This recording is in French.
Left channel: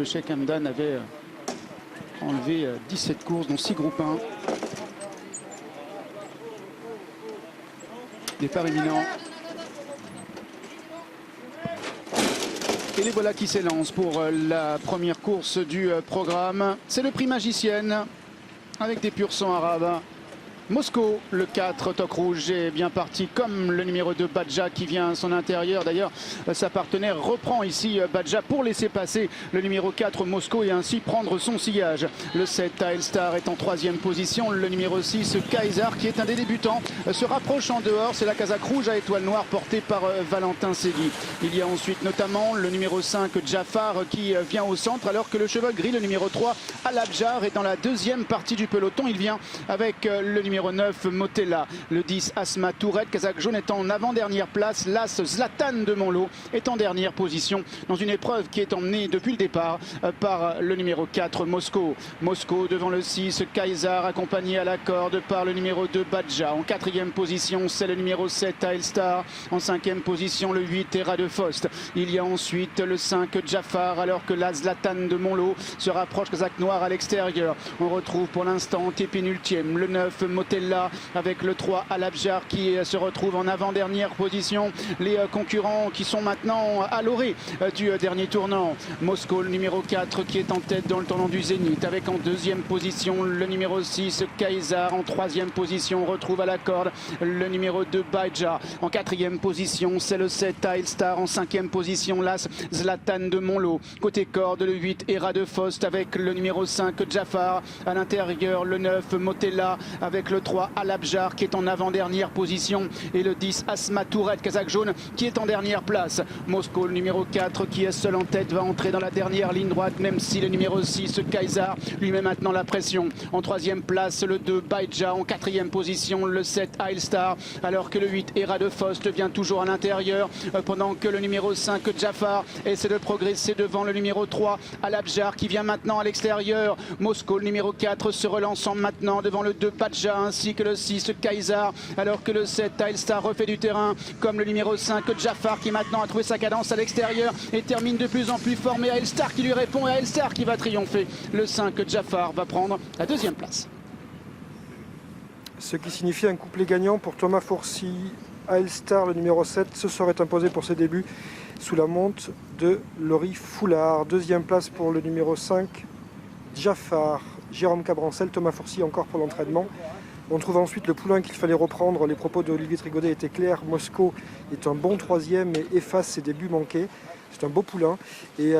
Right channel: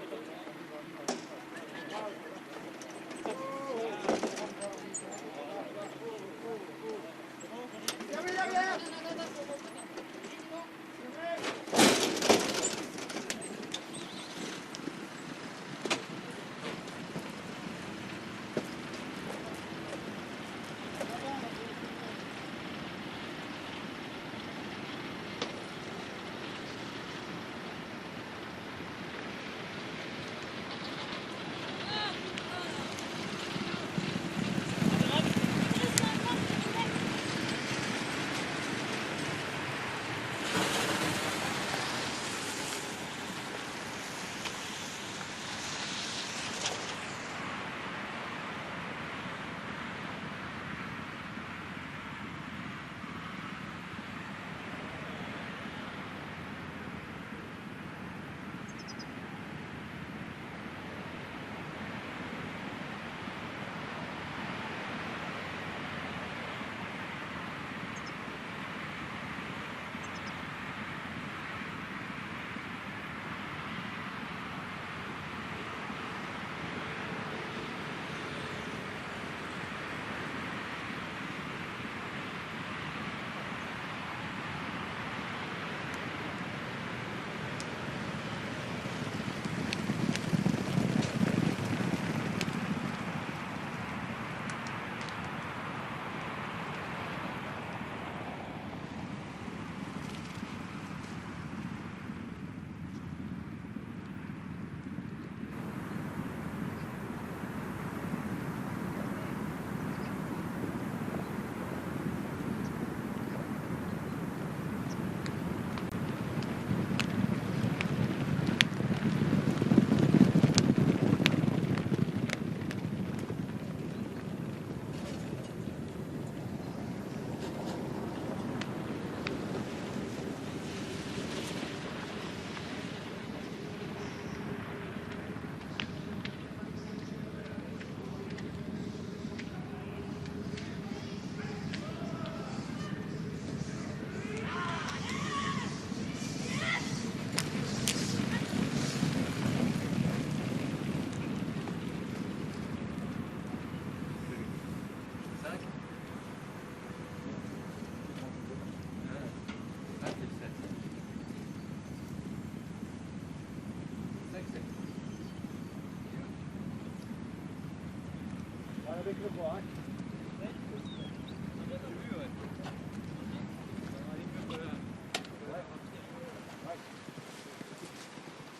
de Sheikh Hamdan avait enlevé 17 courses, dont 6 groupes 1. Départ imminent. Et les voilà qui s'élancent pour la première course du programme. C'est le prix Magicienne avec des pur sang arabes. Mosco, le 4, toque rouge, est bien parti comme le numéro 2 Badja qui vient à son intérieur. D'ailleurs, sa partenaire reprend ici Badja pour laisser passer le numéro 4 Mosco et ainsi prendre son sillage. Le 7 Telstar est en 3e position. Le numéro 6 Kaiser qui est un des débutants se rapproche en dehors. C'est la casaque rouge à étoile noire portée par Valentin Séduit. Il y a ensuite notamment le numéro 5 Jafar qui vient au centre alors que le cheval gris, le numéro 3 Al-Abjar, est dans la 2e partie du peloton. Il vient avec le numéro 9 Motella, le 10 Asma Tourette. Casaque jaune est en avant-dernière place. L'As Zlatan de Monlot est en dernière position dans une épreuve qui est emmenée depuis le départ par le numéro 4 Mosco. Mosco devant le 6 Kaiser, accompagné à la corde par le numéro 2 Badja. En 4e position, c'est le numéro 7 Telstar. En 5e position, le 8 Era de Faust. Il y a ensuite le 5 Jafar alors que la Zlatan de Monlot se rapproche. Casaque noir à l'extérieur. On retrouve pour l'instant pénultième le 9 Motella avec le 3 Al-Abjar qui se retrouve en avant-dernière position. Les concurrents qui sont maintenant à l'orée du dernier tournant. Mosco, le numéro 4 qui est en tête dans le tournant du Zénith avec en 2e position le numéro 6 Kaiser. En 3e position on retrouve à la corde le numéro 2 Badja. En 4e position c'est le 7 Telstar. En 5e position l'As Zlatan de Monlot. Côté corde le 8 Era de Faust avec le numéro 5 Jafar. À l'intérieur le 9 Motella avec le 3 Al-Abjar qui est en avant-dernière position et le 10 Asma Tourette, casaque jaune, qui est en dernière place. Mosco, le numéro 4 qui est seul en tête, va entrer dans la dernière ligne droite même si le numéro 6 Kaiser lui met maintenant la pression. En 3e place le 2 Badja. En 4e position le 7 Telstar alors que le 8 Era de Faust vient toujours à l'intérieur pendant que le numéro 5 Jafar essaie de progresser devant le numéro 3 Al-Abjar qui vient maintenant à l'extérieur. Mosco, le numéro 4, se relançant maintenant devant le 2 Badja ainsi que le 6 Kaiser alors que le 7 Telstar refait du terrain comme le numéro 5 Jafar qui maintenant a trouvé sa cadence à l'extérieur et termine de plus en plus fort, mais Telstar qui lui répond et Telstar qui va triompher. Le 5 Jafar va prendre la 2e place. Ce qui signifie un couplet gagnant pour Thomas Fourcy. Telstar, le numéro 7, se serait imposé pour ses débuts sous la monte de Laurie Foulard. 2e place pour le numéro 5 Jafar. Jérôme Cabrancel, Thomas Fourcy encore pour l'entraînement. On trouve ensuite le poulain qu'il fallait reprendre. Les propos d'Olivier Trigodet étaient clairs. Mosco est un bon 3e et efface ses débuts manqués. C'est un beau poulain. Et